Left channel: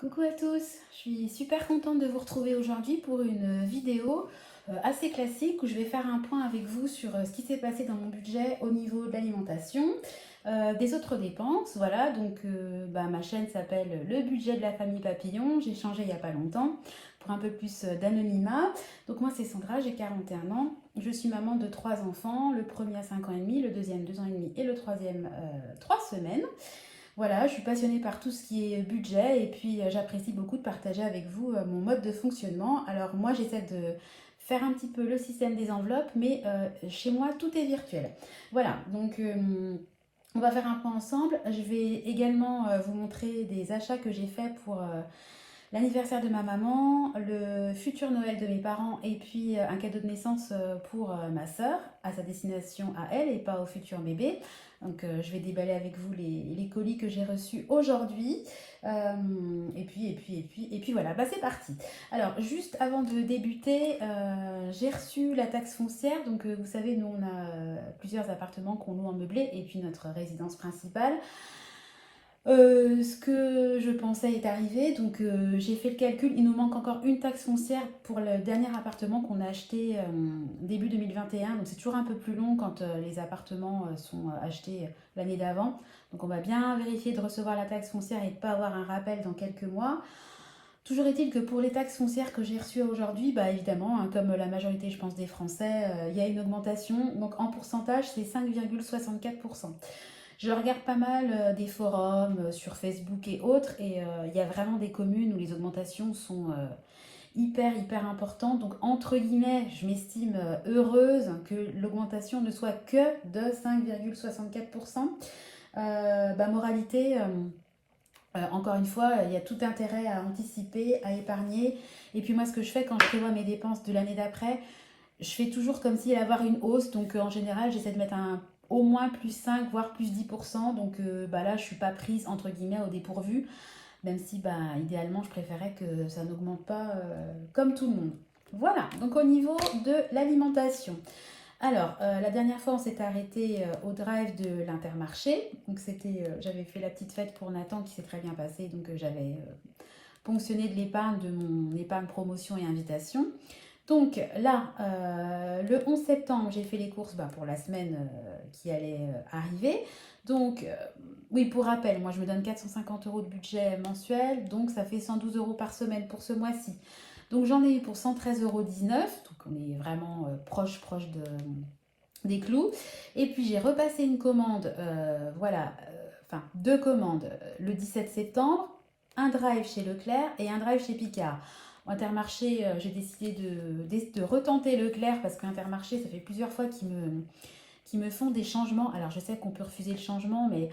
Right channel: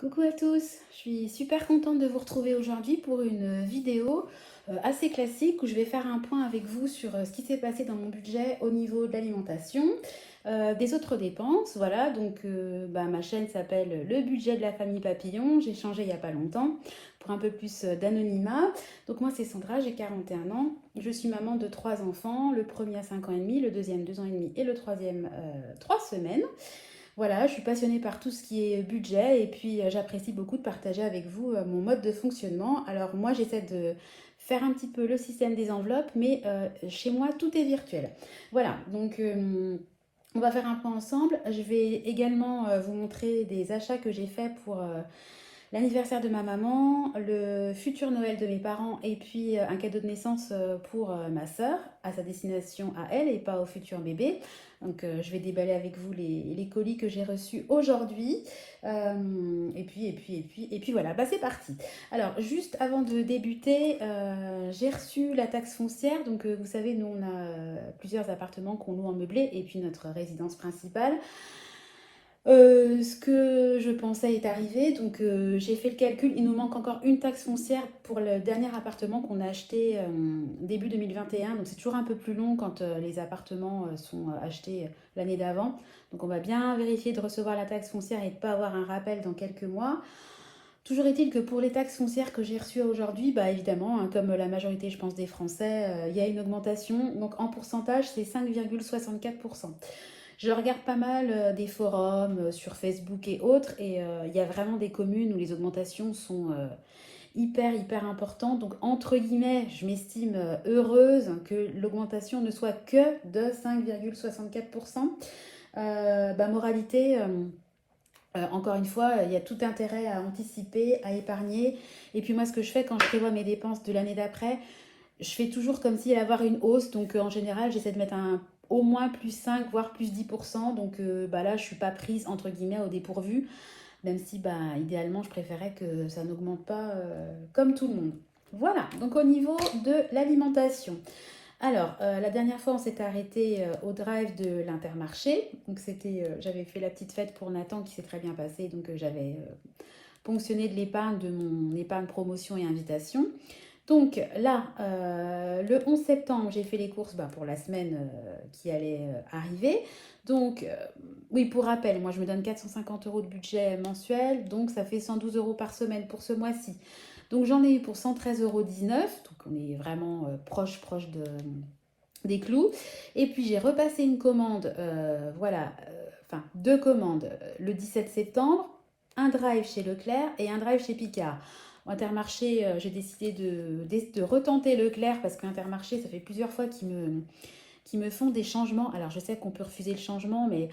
Coucou à tous, je suis super contente de vous retrouver aujourd'hui pour une vidéo assez classique où je vais faire un point avec vous sur ce qui s'est passé dans mon budget au niveau de l'alimentation, des autres dépenses. Voilà, donc ma chaîne s'appelle Le budget de la famille Papillon. J'ai changé il n'y a pas longtemps pour un peu plus d'anonymat. Donc moi c'est Sandra, j'ai 41 ans. Je suis maman de trois enfants, le premier à 5 ans et demi, le deuxième 2 ans et demi et le troisième 3 semaines. Voilà, je suis passionnée par tout ce qui est budget et puis j'apprécie beaucoup de partager avec vous mon mode de fonctionnement. Alors moi j'essaie de faire un petit peu le système des enveloppes, mais chez moi tout est virtuel. Voilà, donc on va faire un point ensemble. Je vais également vous montrer des achats que j'ai faits pour l'anniversaire de ma maman, le futur Noël de mes parents et puis un cadeau de naissance pour ma sœur, à sa destination à elle et pas au futur bébé. Donc je vais déballer avec vous les colis que j'ai reçus aujourd'hui. Et puis voilà, bah, c'est parti. Alors juste avant de débuter, j'ai reçu la taxe foncière. Donc vous savez, nous on a plusieurs appartements qu'on loue en meublé et puis notre résidence principale. Ce que je pensais est arrivé, donc j'ai fait le calcul, il nous manque encore une taxe foncière pour le dernier appartement qu'on a acheté début 2021, donc c'est toujours un peu plus long quand les appartements sont achetés l'année d'avant. Donc on va bien vérifier de recevoir la taxe foncière et de ne pas avoir un rappel dans quelques mois. Toujours est-il que pour les taxes foncières que j'ai reçues aujourd'hui, bah évidemment, hein, comme la majorité je pense des Français, il y a une augmentation, donc en pourcentage c'est 5,64%. Je regarde pas mal des forums sur Facebook et autres, et il y a vraiment des communes où les augmentations sont hyper importantes. Donc, entre guillemets, je m'estime heureuse que l'augmentation ne soit que de 5,64%. Moralité, encore une fois, il y a tout intérêt à anticiper, à épargner. Et puis moi, ce que je fais quand je prévois mes dépenses de l'année d'après, je fais toujours comme s'il allait y avoir une hausse. Donc en général, j'essaie de mettre au moins plus 5 voire plus 10%. Donc là, je ne suis pas prise entre guillemets au dépourvu. Même si idéalement, je préférais que ça n'augmente pas comme tout le monde. Voilà, donc au niveau de l'alimentation. Alors, la dernière fois, on s'était arrêté au drive de l'Intermarché. Donc j'avais fait la petite fête pour Nathan qui s'est très bien passée. Donc j'avais ponctionné de l'épargne de mon épargne promotion et invitation. Donc là, le 11 septembre, j'ai fait les courses pour la semaine qui allait arriver. Donc, oui, pour rappel, moi je me donne 450 euros de budget mensuel, donc ça fait 112 euros par semaine pour ce mois-ci. Donc j'en ai eu pour 113,19 €, donc on est vraiment proche des clous. Et puis j'ai repassé une commande, deux commandes le 17 septembre, un drive chez Leclerc et un drive chez Picard. Intermarché, j'ai décidé de retenter Leclerc parce qu'Intermarché, ça fait plusieurs fois qu'ils me font des changements. Alors je sais qu'on peut refuser le changement, mais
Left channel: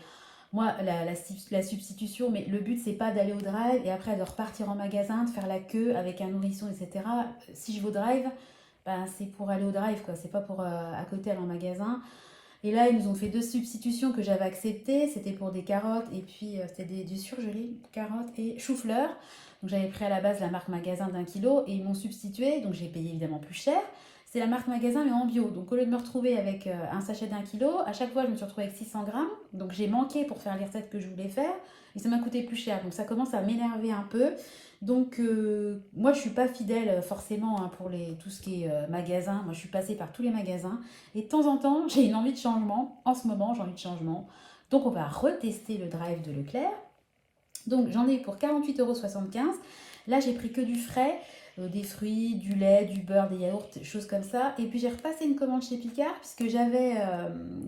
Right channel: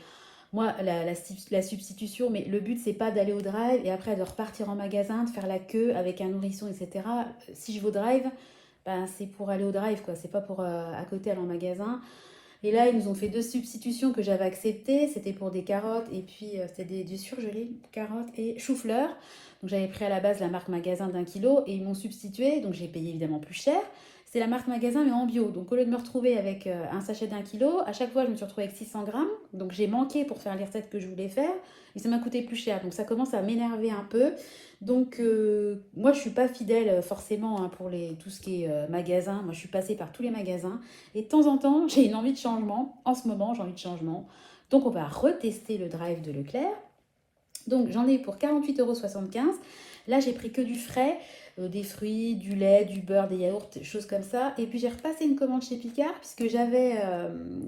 moi, la substitution, mais le but, c'est pas d'aller au drive et après de repartir en magasin, de faire la queue avec un nourrisson, etc. Si je vais au drive, c'est pour aller au drive, quoi. C'est pas pour à côté aller en magasin. Et là, ils nous ont fait deux substitutions que j'avais acceptées. C'était pour des carottes et puis c'était du surgelé, carottes et chou-fleur. Donc j'avais pris à la base la marque magasin d'1 kilo et ils m'ont substitué. Donc j'ai payé évidemment plus cher. C'est la marque magasin mais en bio. Donc au lieu de me retrouver avec un sachet d'1 kilo, à chaque fois je me suis retrouvée avec 600 grammes. Donc j'ai manqué pour faire les recettes que je voulais faire. Et ça m'a coûté plus cher. Donc ça commence à m'énerver un peu. Donc moi je suis pas fidèle forcément hein, pour tout ce qui est magasin. Moi je suis passée par tous les magasins. Et de temps en temps, j'ai une envie de changement. En ce moment, j'ai envie de changement. Donc, on va retester le drive de Leclerc. Donc, j'en ai pour 48,75 €. Là, j'ai pris que du frais, des fruits, du lait, du beurre, des yaourts, choses comme ça. Et puis, j'ai repassé une commande chez Picard, puisque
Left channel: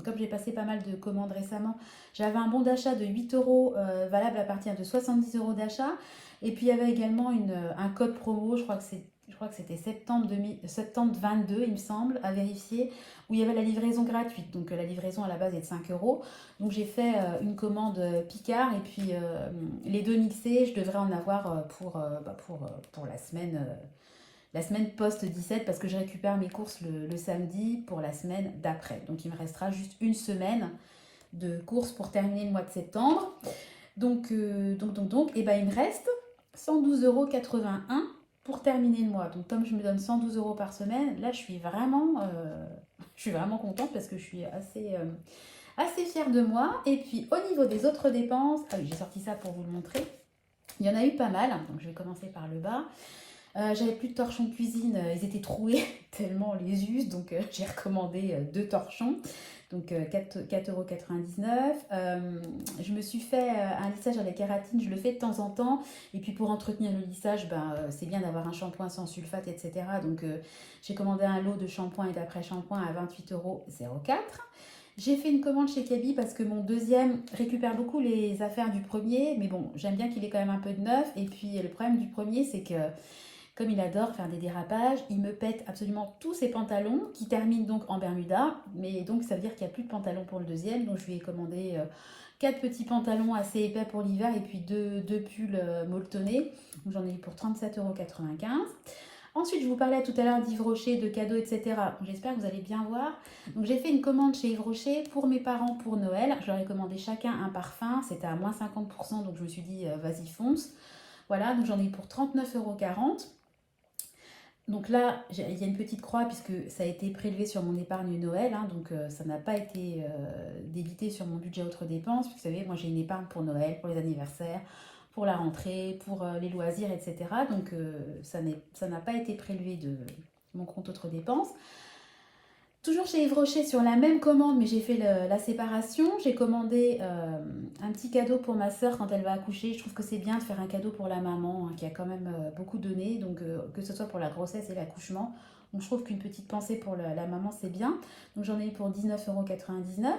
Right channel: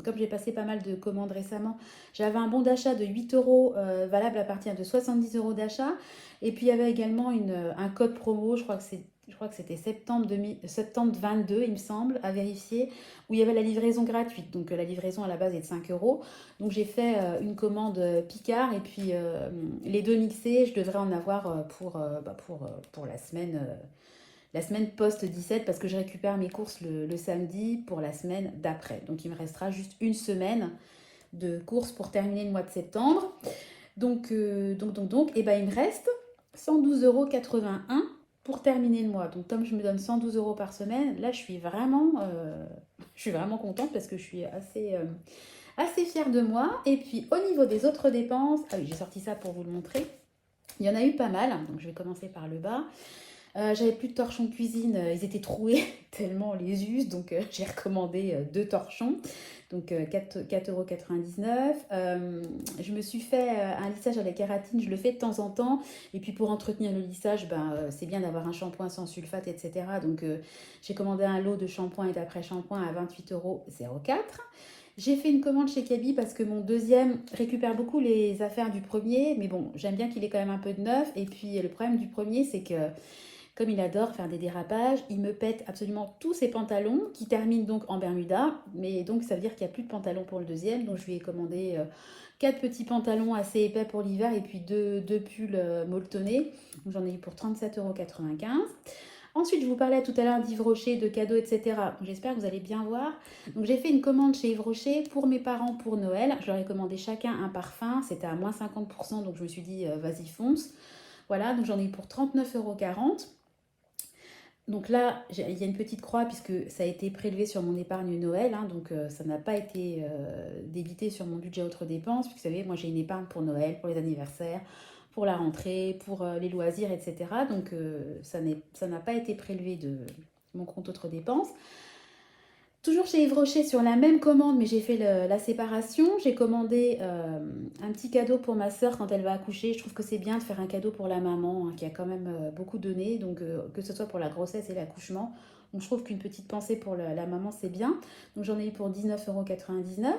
comme j'ai passé pas mal de commandes récemment, j'avais un bon d'achat de 8 € valable à partir de 70 € d'achat. Et puis, il y avait également un code promo, je crois que c'était septembre 22, il me semble, à vérifier, où il y avait la livraison gratuite. Donc la livraison à la base est de 5 €. Donc j'ai fait une commande Picard et puis les deux mixés, je devrais en avoir pour la semaine post-17 parce que je récupère mes courses le samedi pour la semaine d'après. Donc il me restera juste une semaine de courses pour terminer le mois de septembre. Et il me reste 112,81 € pour terminer le mois. Donc comme je me donne 112 € par semaine, là je suis vraiment contente parce que je suis assez fière de moi. Et puis au niveau des autres dépenses, ah oui, j'ai sorti ça pour vous le montrer. Il y en a eu pas mal, donc je vais commencer par le bas. J'avais plus de torchons de cuisine, ils étaient troués tellement on les use, donc j'ai recommandé deux torchons, donc 4,99 €. Je me suis fait un lissage à la kératine, je le fais de temps en temps, et puis pour entretenir le lissage, c'est bien d'avoir un shampoing sans sulfate, etc. Donc j'ai commandé un lot de shampoing et d'après-shampoing à 28,04 €. J'ai fait une commande chez Kaby parce que mon deuxième récupère beaucoup les affaires du premier, mais bon, j'aime bien qu'il ait quand même un peu de neuf. Et puis le problème du premier, c'est que comme il adore faire des dérapages, il me pète absolument tous ses pantalons qui terminent donc en Bermuda. Mais donc ça veut dire qu'il n'y a plus de pantalons pour le deuxième. Donc je lui ai commandé quatre petits pantalons assez épais pour l'hiver et puis deux pulls molletonnés. Donc j'en ai eu pour 37,95 €. Ensuite, je vous parlais tout à l'heure d'Yves Rocher, de cadeaux, etc. J'espère que vous allez bien voir. Donc j'ai fait une commande chez Yves Rocher pour mes parents pour Noël. Je leur ai commandé chacun un parfum. C'était à moins 50%, donc je me suis dit, vas-y, fonce. Voilà, donc j'en ai eu pour 39,40 €. Donc là, il y a une petite croix puisque ça a été prélevé sur mon épargne Noël, hein, donc ça n'a pas été débité sur mon budget autres dépenses. Vous savez, moi j'ai une épargne pour Noël, pour les anniversaires, pour la rentrée, pour les loisirs, etc. Donc ça n'a pas été prélevé de mon compte autres dépenses. Toujours chez Yves Rocher sur la même commande, mais j'ai fait la séparation. J'ai commandé un petit cadeau pour ma soeur quand elle va accoucher. Je trouve que c'est bien de faire un cadeau pour la maman, hein, qui a quand même beaucoup donné, donc que ce soit pour la grossesse et l'accouchement. Donc je trouve qu'une petite pensée pour la maman, c'est bien. Donc j'en ai eu pour 19,99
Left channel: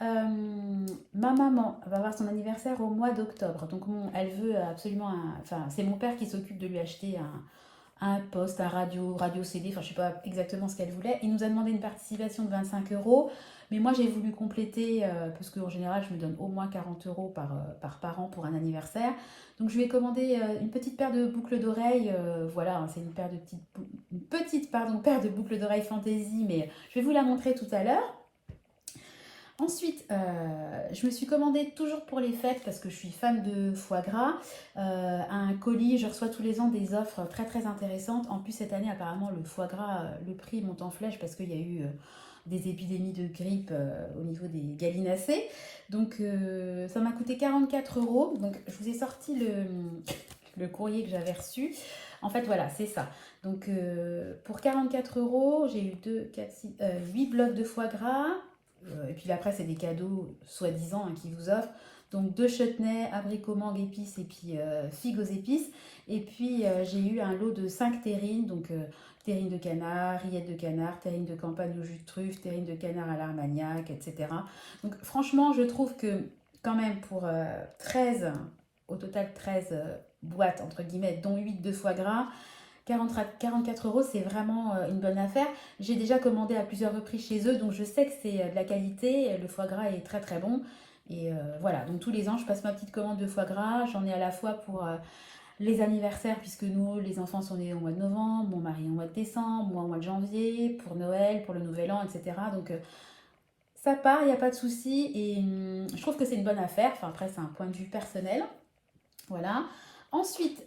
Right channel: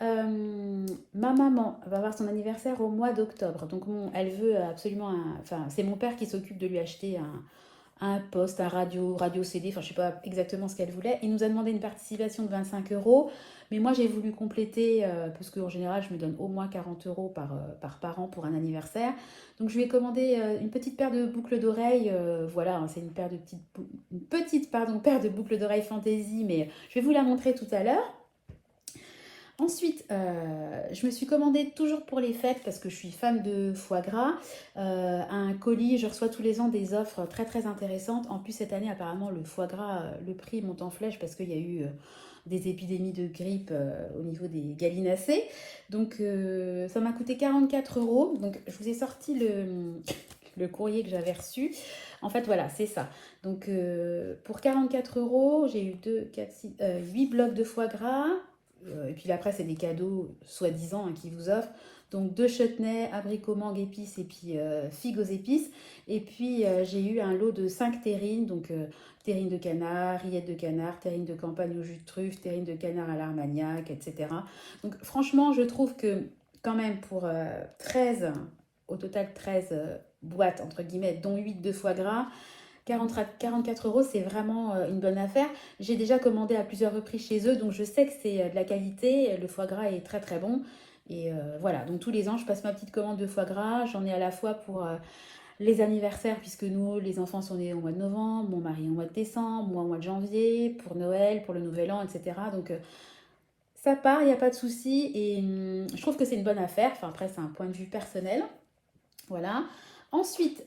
€. Ma maman va avoir son anniversaire au mois d'octobre. Donc elle veut absolument enfin, c'est mon père qui s'occupe de lui acheter un poste, un radio CD, enfin je sais pas exactement ce qu'elle voulait. Il nous a demandé une participation de 25 €, mais moi j'ai voulu compléter, parce qu'en général je me donne au moins 40 € par parent pour un anniversaire. Donc je lui ai commandé une petite paire de boucles d'oreilles, voilà, hein, c'est une petite paire de boucles d'oreilles fantaisie, mais je vais vous la montrer tout à l'heure. Ensuite, je me suis commandé toujours pour les fêtes parce que je suis fan de foie gras, un colis. Je reçois tous les ans des offres très très intéressantes. En plus, cette année, apparemment, le foie gras, le prix monte en flèche parce qu'il y a eu des épidémies de grippe au niveau des gallinacés. Donc, ça m'a coûté 44 €. Donc, je vous ai sorti le courrier que j'avais reçu. En fait, voilà, c'est ça. Donc, pour 44 €, j'ai eu 2, 4, 6, 8 blocs de foie gras. Et puis après, c'est des cadeaux soi-disant, hein, qu'ils vous offrent. Donc deux chutneys, abricots, mangue, épices et puis figues aux épices. Et puis j'ai eu un lot de 5 terrines, donc terrine de canard, rillettes de canard, terrine de campagne au jus de truffe, terrine de canard à l'armagnac, etc. Donc franchement, je trouve que quand même pour 13, au total 13 boîtes, entre guillemets, dont 8 de foie gras, 44 €, c'est vraiment une bonne affaire. J'ai déjà commandé à plusieurs reprises chez eux, donc je sais que c'est de la qualité. Le foie gras est très très bon. Et voilà, donc tous les ans, je passe ma petite commande de foie gras. J'en ai à la fois pour les anniversaires, puisque nous, les enfants sont nés au mois de novembre, mon mari au mois de décembre, moi au mois de janvier, pour Noël, pour le Nouvel An, etc. Donc ça part, il n'y a pas de souci. Et je trouve que c'est une bonne affaire. Enfin, après, c'est un point de vue personnel. Voilà. Ensuite,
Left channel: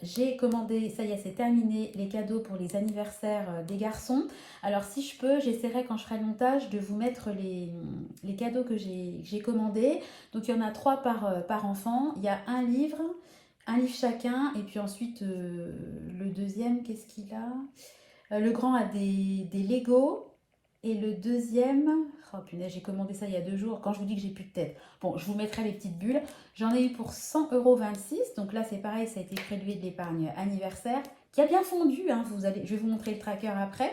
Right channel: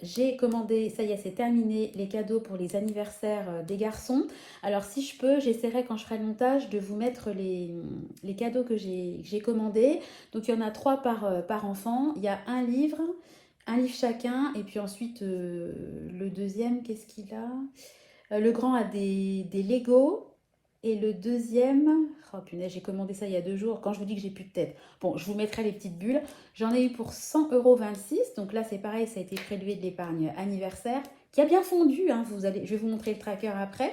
j'ai commandé, ça y est, c'est terminé, les cadeaux pour les anniversaires des garçons. Alors, si je peux, j'essaierai quand je ferai le montage de vous mettre les cadeaux que j'ai commandés. Donc, il y en a 3 par enfant. Il y a un livre chacun. Et puis ensuite, le deuxième, qu'est-ce qu'il a? Le grand a des Lego. Et le deuxième, oh punaise, j'ai commandé ça il y a 2 jours, quand je vous dis que j'ai plus de tête. Bon, je vous mettrai les petites bulles. J'en ai eu pour 100,26 €. Donc là, c'est pareil, ça a été prélevé de l'épargne anniversaire, qui a bien fondu, hein, je vais vous montrer le tracker après.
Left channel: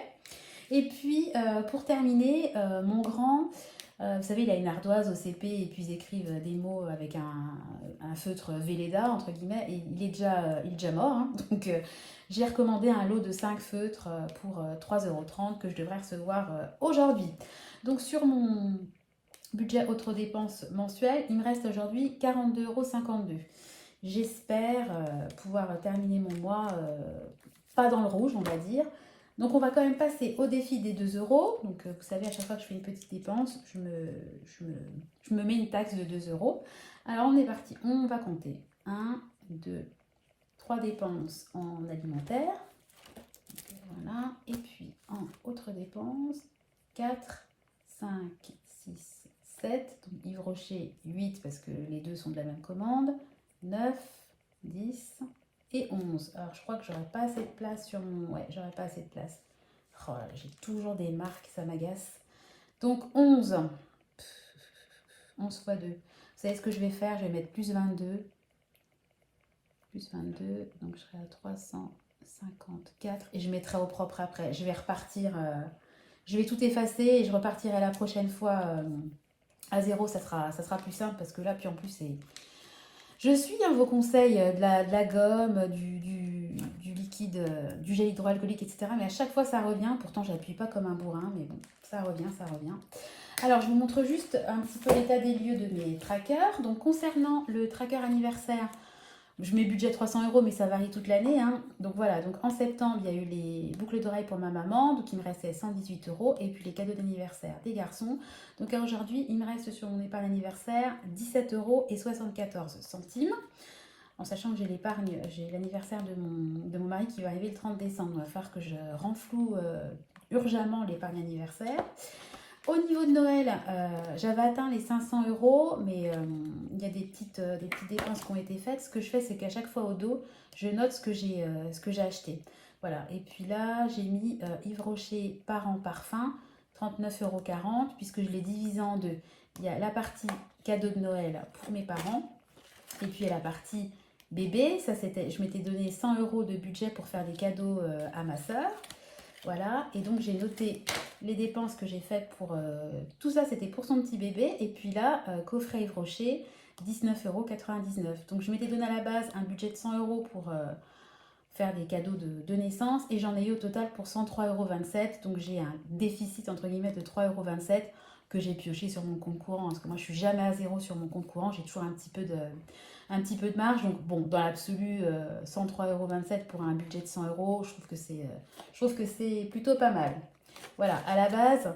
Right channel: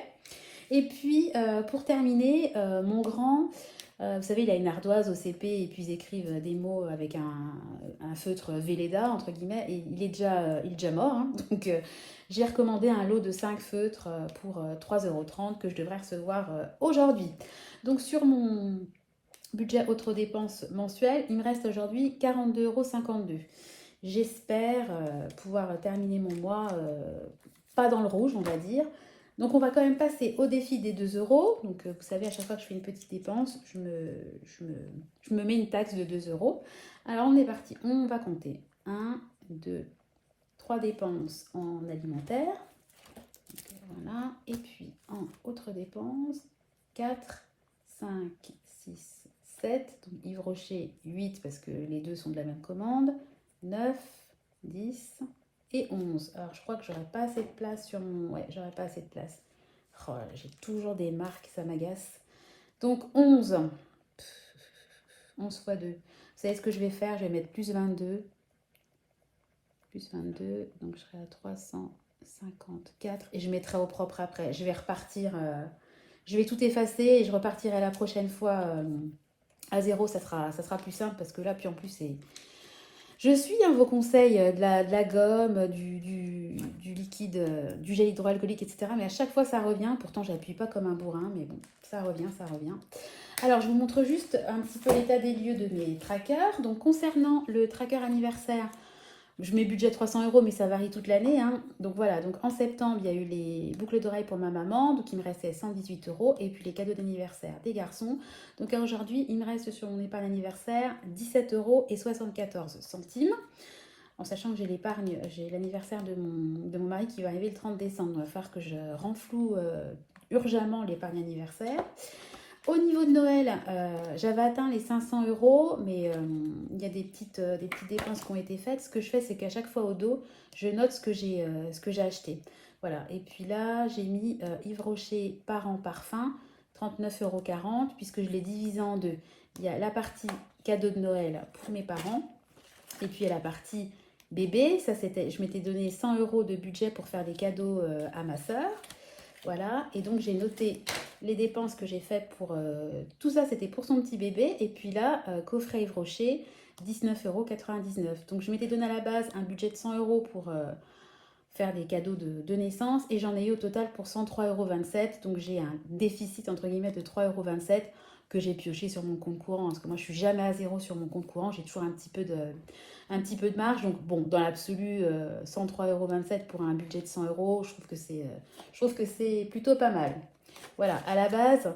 Et puis, pour terminer, mon grand, vous savez, il a une ardoise au CP et puis ils écrivent des mots avec un feutre Velleda, entre guillemets, et il est déjà mort, hein. Donc, j'ai recommandé un lot de 5 feutres pour 3,30 € que je devrais recevoir aujourd'hui. Donc, sur mon budget autres dépenses mensuelles, il me reste aujourd'hui 42,52 €. J'espère pouvoir terminer mon mois pas dans le rouge, on va dire. Donc on va quand même passer au défi des 2 €. Donc vous savez, à chaque fois que je fais une petite dépense, je me mets une taxe de 2 €. Alors on est parti, on va compter 1, 2, 3 dépenses en alimentaire. Voilà, et puis en autres dépenses, 4, 5, 6, 7. Donc Yves Rocher, 8 parce que les deux sont de la même commande. 9, 10 et 11. Alors, je crois que j'aurais pas assez de place sur mon... Ouais, j'aurais pas assez de place. Oh là, j'ai toujours des marques, ça m'agace. Donc, 11. 11 fois 2. Vous savez ce que je vais faire? Je vais mettre plus 22. Plus 22. Donc, je serai à 354. Et je mettrai au propre après. Je vais repartir... je vais tout effacer et je repartirai la prochaine fois à zéro. Ça sera plus simple parce que là, puis en plus, c'est... Je suis vos conseils de la gomme, du liquide, du gel hydroalcoolique, etc. Mais à chaque fois, ça revient. Pourtant, j'appuie pas comme un bourrin, mais bon, ça revient, ça revient. Alors, je vous montre juste un petit peu l'état des lieux de mes trackers. Donc, concernant le tracker anniversaire, je mets budget 300 €, mais ça varie toute l'année, hein. Donc voilà, donc en septembre, il y a eu les boucles d'oreilles pour ma maman, donc il me restait 118 €, et puis les cadeaux d'anniversaire des garçons. Donc aujourd'hui, il me reste sur mon épargne anniversaire 17,74 €, en sachant que j'ai l'épargne, j'ai l'anniversaire de mon mari qui va arriver le 30 décembre. Il va falloir que je renfloue urgemment l'épargne anniversaire. Au niveau de Noël, j'avais atteint les 500 €, mais il y a des petites dépenses qui ont été faites. Ce que je fais, c'est qu'à chaque fois au dos, je note ce que j'ai acheté. Voilà. Et puis là, j'ai mis Yves Rocher Parents Parfum, 39,40 €, puisque je l'ai divisé en deux. Il y a la partie cadeau de Noël pour mes parents, et puis il y a la partie bébé. Ça, c'était, je m'étais donné 100 € de budget pour faire des cadeaux à ma soeur. Voilà, et donc j'ai noté les dépenses que j'ai faites pour... tout ça, c'était pour son petit bébé. Et puis là, coffret Yves Rocher, 19,99 €. Donc je m'étais donné à la base un budget de 100 € pour faire des cadeaux de naissance. Et j'en ai eu au total pour 103,27 €. Donc j'ai un déficit, entre guillemets, de 3,27 € que j'ai pioché sur mon compte courant. Parce que moi, je suis jamais à zéro sur mon compte courant. J'ai toujours un petit peu de marge. Donc bon, dans l'absolu, 103,27 € pour un budget de 100 €, je trouve que c'est plutôt pas mal. Voilà, à la base,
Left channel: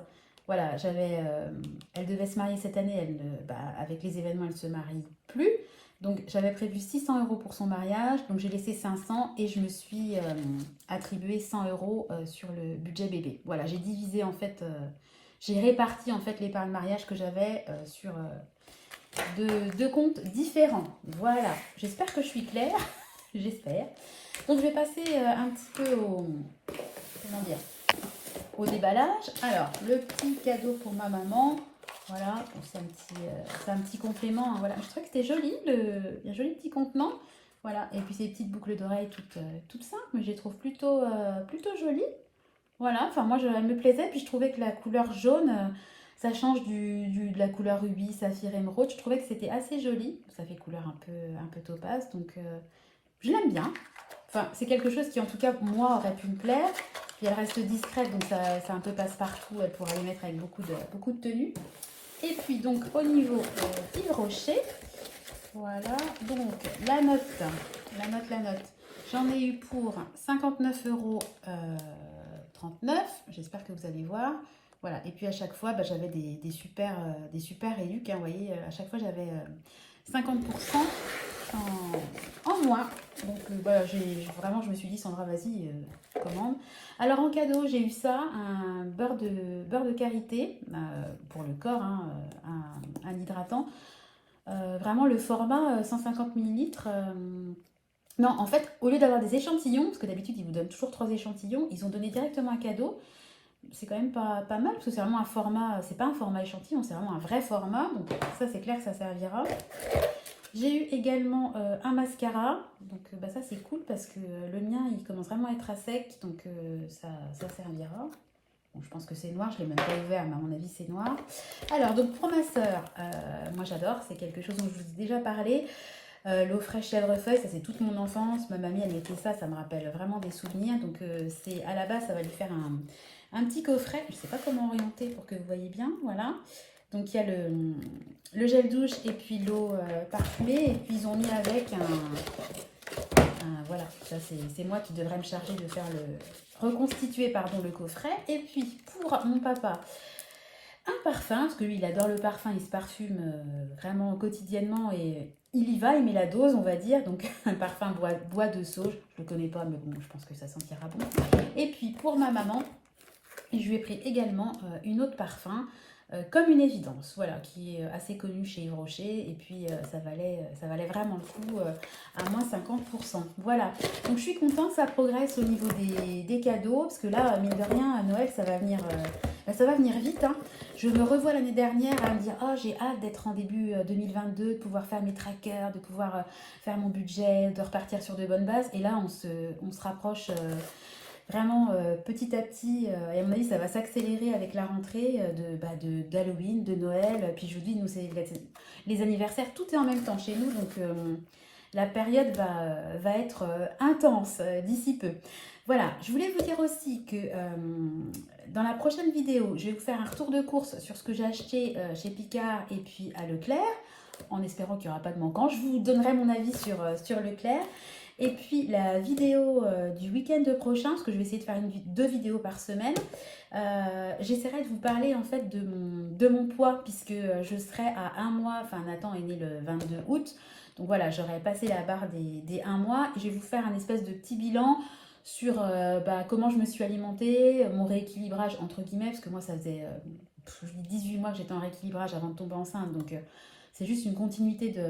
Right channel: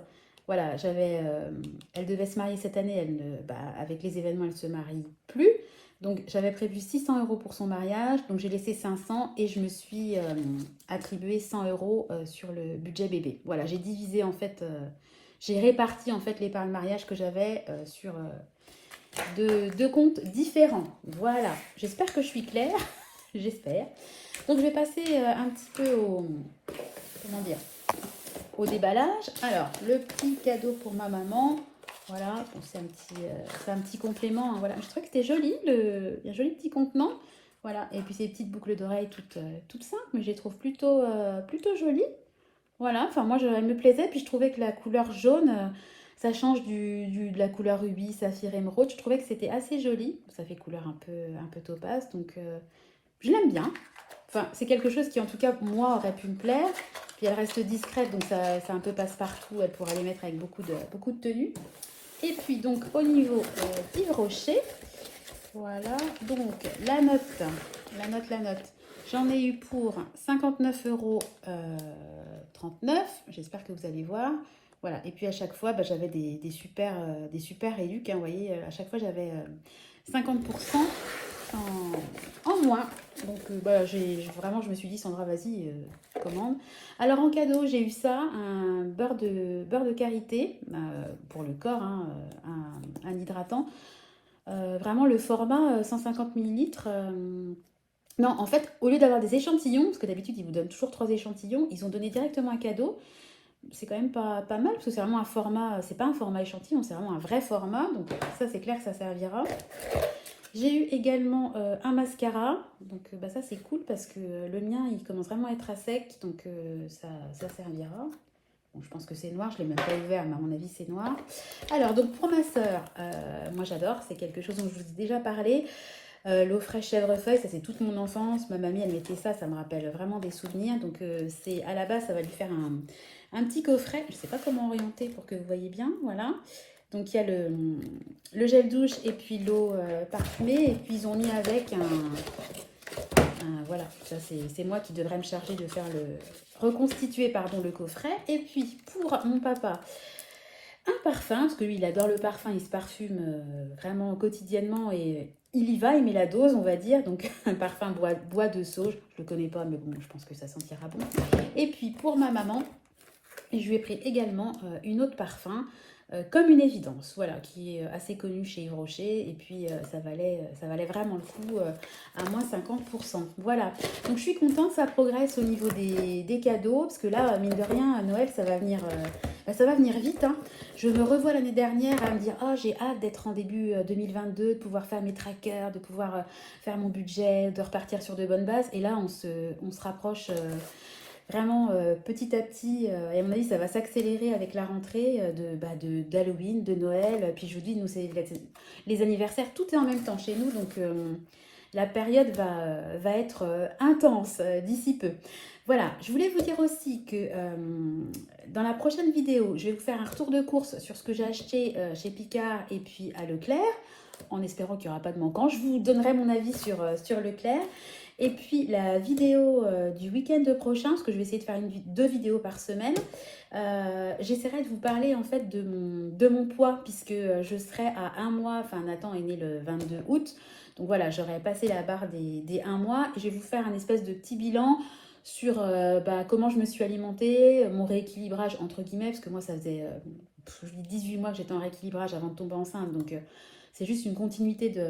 voilà, elle devait se marier cette année, avec les événements, elle ne se marie plus. Donc j'avais prévu 600 € pour son mariage, donc j'ai laissé 500 et je me suis attribué 100 € sur le budget bébé. Voilà, j'ai divisé en fait, j'ai réparti en fait l'épargne mariage que j'avais sur deux comptes différents. Voilà, j'espère que je suis claire, j'espère. Donc je vais passer un petit peu comment dire, au déballage. Alors, le petit cadeau pour ma maman. Voilà, c'est un petit complément. Voilà, je trouvais que c'était joli, un joli petit contenant. Voilà, et puis ces petites boucles d'oreilles toutes simples, mais je les trouve plutôt jolies. Voilà, enfin moi, elle me plaisait, puis je trouvais que la couleur jaune, ça change de la couleur rubis, saphir, émeraude. Je trouvais que c'était assez joli. Ça fait couleur un peu topaze, donc je l'aime bien. Enfin, c'est quelque chose qui, en tout cas, moi, aurait pu me plaire. Puis elle reste discrète, donc c'est un peu passe-partout. Elle pourrait les mettre avec beaucoup de tenues. Et puis, donc, au niveau Yves Rocher, voilà. Donc, la note. J'en ai eu pour 59,39 €. J'espère que vous allez voir. Voilà. Et puis, à chaque fois, j'avais des super éduques, hein, vous voyez, à chaque fois, j'avais 50% en moins. Donc vraiment, je me suis dit, Sandra, vas-y, commande. Alors en cadeau, j'ai eu ça, un beurre de karité pour le corps, hein, un hydratant. Vraiment le format 150 ml. Non, en fait, au lieu d'avoir des échantillons, parce que d'habitude, ils vous donnent toujours 3 échantillons, ils ont donné directement un cadeau. C'est quand même pas mal, parce que c'est vraiment un format, c'est pas un format échantillon, c'est vraiment un vrai format. Donc ça, c'est clair que ça servira. J'ai eu également un mascara, donc ça c'est cool parce que le mien il commence vraiment à être à sec, donc ça servira. Bon, je pense que c'est noir, je ne l'ai même pas ouvert, mais à mon avis c'est noir. Alors donc pour ma soeur, moi j'adore, c'est quelque chose dont je vous ai déjà parlé. L'eau fraîche chèvrefeuille, ça c'est toute mon enfance, ma mamie elle mettait ça, ça me rappelle vraiment des souvenirs. Donc c'est à la base ça va lui faire un petit coffret, je ne sais pas comment orienter pour que vous voyez bien, voilà. Donc il y a le gel douche et puis l'eau parfumée. Et puis ils ont mis avec voilà, ça c'est moi qui devrais me charger de faire reconstituer le coffret. Et puis pour mon papa, un parfum, parce que lui il adore le parfum, il se parfume vraiment quotidiennement et il y va, il met la dose on va dire. Donc un parfum bois de sauge, je le connais pas mais bon je pense que ça sentira bon. Et puis pour ma maman, je lui ai pris également une autre parfum. comme une évidence, voilà, qui est assez connue chez Yves Rocher, et puis ça valait vraiment le coup, à moins 50%. Voilà, donc je suis contente, ça progresse au niveau des cadeaux, parce que là, mine de rien, à Noël, ça va venir vite, hein. Je me revois l'année dernière à me dire, oh, j'ai hâte d'être en début 2022, de pouvoir faire mes trackers, de pouvoir faire mon budget, de repartir sur de bonnes bases, et là, on se rapproche. Vraiment petit à petit, et à mon avis, ça va s'accélérer avec la rentrée d'Halloween, de Noël. Puis je vous dis, nous, c'est les anniversaires, tout est en même temps chez nous. Donc la période va être intense d'ici peu. Voilà, je voulais vous dire aussi que dans la prochaine vidéo, je vais vous faire un retour de course sur ce que j'ai acheté chez Picard et puis à Leclerc, en espérant qu'il n'y aura pas de manquant. Je vous donnerai mon avis sur Leclerc. Et puis la vidéo du week-end prochain, parce que je vais essayer de faire deux vidéos par semaine, j'essaierai de vous parler en fait de mon poids, puisque je serai à un mois, enfin Nathan est né le 22 août, donc voilà, j'aurai passé la barre des un mois, et je vais vous faire un espèce de petit bilan sur comment je me suis alimentée, mon rééquilibrage entre guillemets, parce que moi ça faisait 18 mois que j'étais en rééquilibrage avant de tomber enceinte, donc c'est juste une continuité de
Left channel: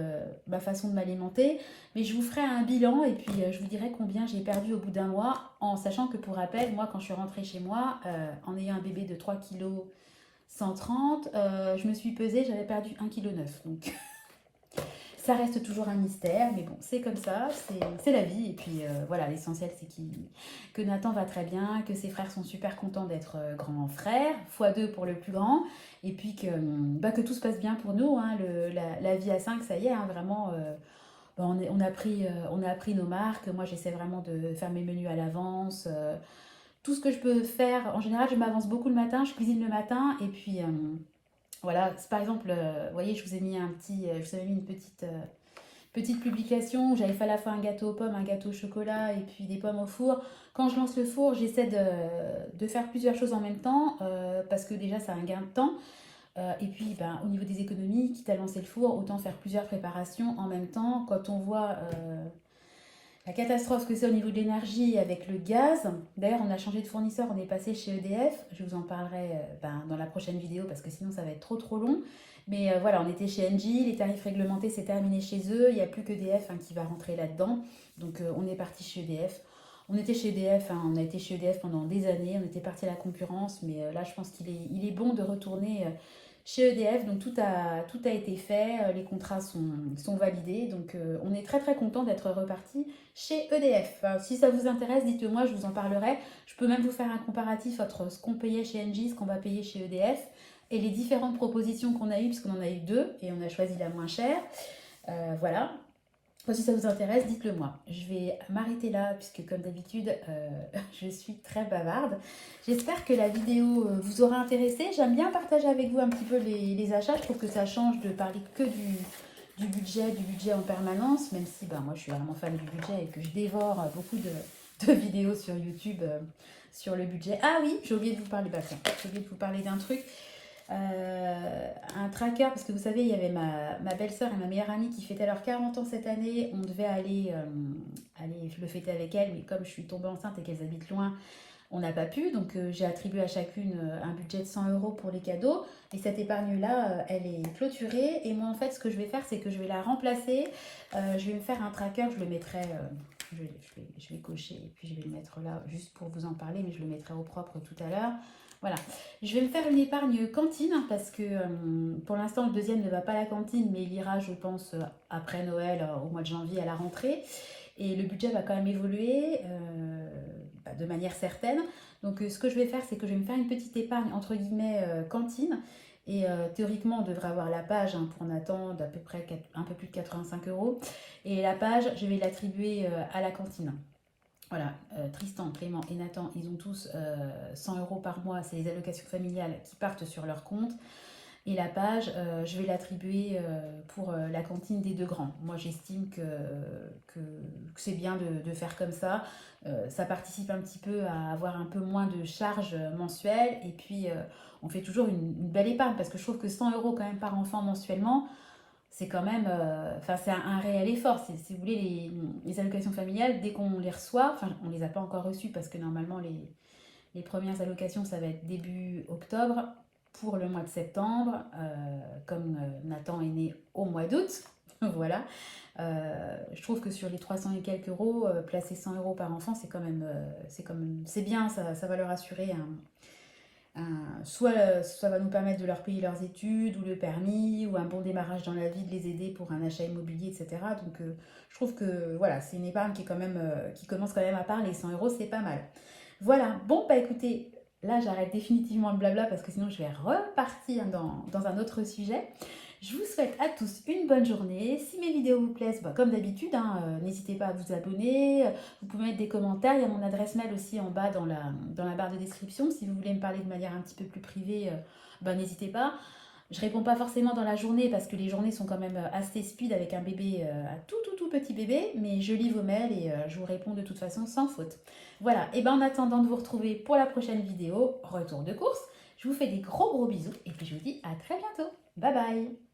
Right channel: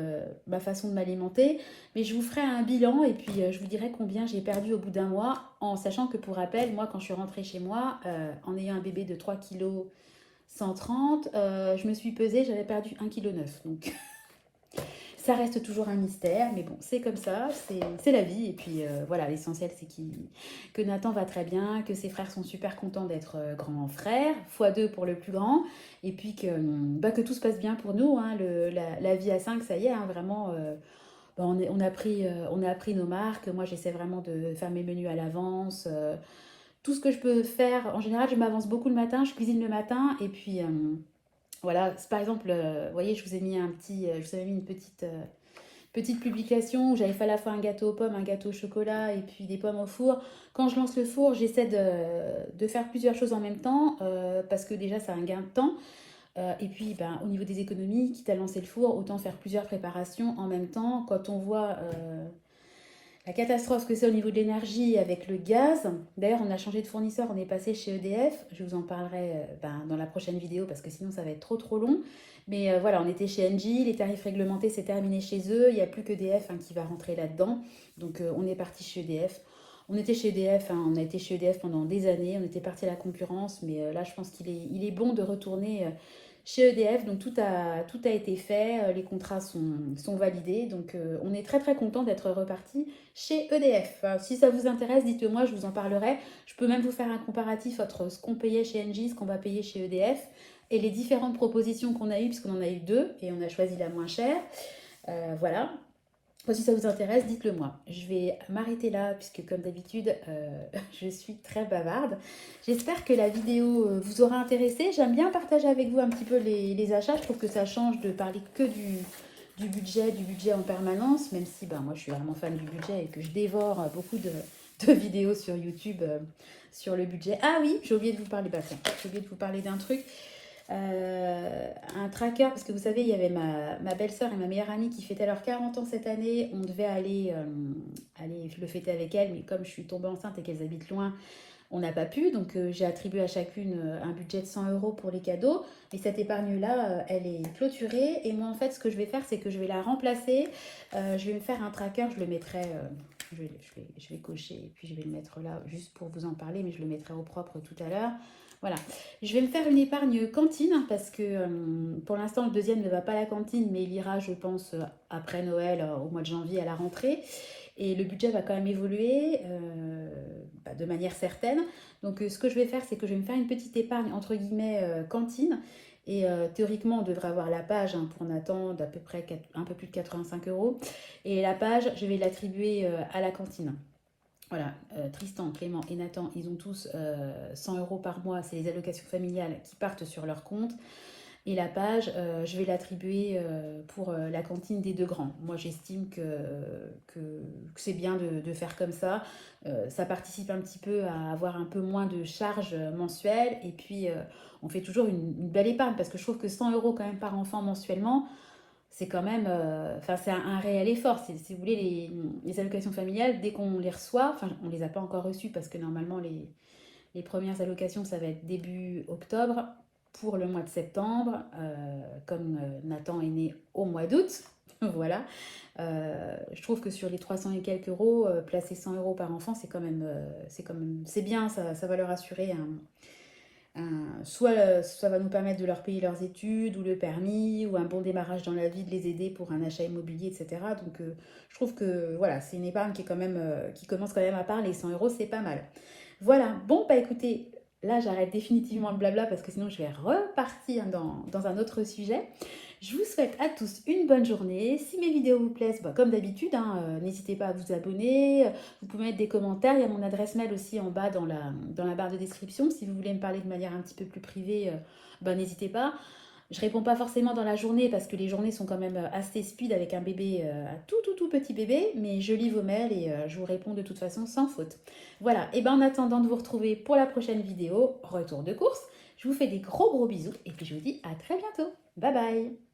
ma façon de m'alimenter. Mais je vous ferai un bilan et puis je vous dirai combien j'ai perdu au bout d'un mois, en sachant que pour rappel, moi quand je suis rentrée chez moi, en ayant un bébé de 3 kg 130, je me suis pesée, j'avais perdu 1,9 kg. Donc ça reste toujours un mystère, mais bon, c'est comme ça, c'est la vie. Et puis voilà, l'essentiel c'est que Nathan va très bien, que ses frères sont super contents d'être grands frères, x2 pour le plus grand, et puis que tout se passe bien pour nous, hein, la vie à 5, ça y est, hein, vraiment, on a appris nos marques. Moi j'essaie vraiment de faire mes menus à l'avance, tout ce que je peux faire. En général, je m'avance beaucoup le matin, je cuisine le matin, et puis voilà, par exemple, vous voyez, je vous ai mis je vous avais mis une petite publication où j'avais fait à la fois un gâteau aux pommes, un gâteau au chocolat et puis des pommes au four. Quand je lance le four, j'essaie de faire plusieurs choses en même temps, parce que déjà, c'est un gain de temps. Et puis, au niveau des économies, quitte à lancer le four, autant faire plusieurs préparations en même temps. Quand on voit la catastrophe que c'est au niveau de l'énergie avec le gaz. D'ailleurs, on a changé de fournisseur, on est passé chez EDF. Je vous en parlerai dans la prochaine vidéo parce que sinon ça va être trop long. Mais voilà, on était chez Engie, les tarifs réglementés c'est terminé chez eux. Il n'y a plus qu'EDF qui va rentrer là-dedans. Donc on est parti chez EDF. On était chez EDF, on a été chez EDF pendant des années, on était parti à la concurrence, mais là je pense qu'il est bon de retourner chez EDF. Donc tout a été fait, les contrats sont validés, donc on est très très content d'être reparti chez EDF. Enfin, si ça vous intéresse, dites-le moi, je vous en parlerai. Je peux même vous faire un comparatif entre ce qu'on payait chez Engie, ce qu'on va payer chez EDF, et les différentes propositions qu'on a eues, puisqu'on en a eu deux, et on a choisi la moins chère. Voilà. Si ça vous intéresse, dites-le moi. Je vais m'arrêter là, puisque comme d'habitude, je suis très bavarde. J'espère que la vidéo vous aura intéressé. J'aime bien partager avec vous un petit peu les achats. Je trouve que ça change de parler que du budget en permanence, même si moi je suis vraiment fan du budget et que je dévore beaucoup de vidéos sur YouTube sur le budget. Ah oui, j'ai oublié de vous parler, j'ai oublié de vous parler d'un truc. Un tracker, parce que vous savez, il y avait ma belle-sœur et ma meilleure amie qui fêtaient leurs 40 ans cette année. On devait aller le fêter avec elles, mais comme je suis tombée enceinte et qu'elles habitent loin, on n'a pas pu. Donc j'ai attribué à chacune un budget de 100 € pour les cadeaux. Et cette épargne-là, elle est clôturée. Et moi, en fait, ce que je vais faire, c'est que je vais la remplacer. Je vais me faire un tracker, je le mettrai... je vais cocher et puis je vais le mettre là juste pour vous en parler, mais je le mettrai au propre tout à l'heure. Voilà, je vais me faire une épargne cantine parce que pour l'instant le deuxième ne va pas à la cantine, mais il ira je pense après Noël, au mois de janvier à la rentrée. Et le budget va quand même évoluer de manière certaine. Donc ce que je vais faire, c'est que je vais me faire une petite épargne entre guillemets cantine. Et théoriquement, on devrait avoir la page pour Nathan d'à peu près un peu plus de 85 €. Et la page, je vais l'attribuer à la cantine. Voilà, Tristan, Clément et Nathan, ils ont tous 100 € par mois. C'est les allocations familiales qui partent sur leur compte. Et la page, je vais l'attribuer pour la cantine des deux grands. Moi, j'estime que c'est bien de faire comme ça. Ça participe un petit peu à avoir un peu moins de charges mensuelles. Et puis, on fait toujours une belle épargne parce que je trouve que 100 € quand même par enfant mensuellement, c'est quand même, c'est un réel effort. Si vous voulez, les allocations familiales, dès qu'on les reçoit, on ne les a pas encore reçues parce que normalement, les premières allocations, ça va être début octobre. pour le mois de septembre, comme Nathan est né au mois d'août. Voilà. Je trouve que sur les 300 et quelques euros, placer 100 euros par enfant, c'est bien, ça va leur assurer soit ça va nous permettre de leur payer leurs études ou le permis ou un bon démarrage dans la vie, de les aider pour un achat immobilier, etc. Donc je trouve que voilà, c'est une épargne qui est quand même, qui commence quand même à part, les 100 euros, c'est pas mal. Voilà, bon bah écoutez, là j'arrête définitivement le blabla parce que sinon je vais repartir dans un autre sujet. Je vous souhaite à tous une bonne journée. Si mes vidéos vous plaisent, bah, comme d'habitude, hein, n'hésitez pas à vous abonner. Vous pouvez mettre des commentaires. Il y a mon adresse mail aussi en bas dans la barre de description. Si vous voulez me parler de manière un petit peu plus privée, bah, n'hésitez pas. Je réponds pas forcément dans la journée parce que les journées sont quand même assez speed avec un bébé, un tout petit bébé, mais je lis vos mails et je vous réponds de toute façon sans faute. Voilà, et ben en attendant de vous retrouver pour la prochaine vidéo, retour de course, je vous fais des gros bisous et puis je vous dis à très bientôt. Bye bye.